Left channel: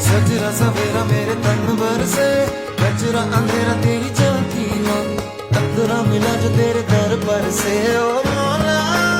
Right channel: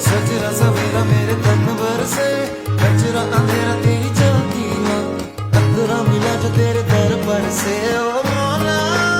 सजरा सवेरा मेरे तन भर से, कचरा अंधेरा तेरी चलती माँ, कतरा मिला जो तेरे दर पर से। ओ मौला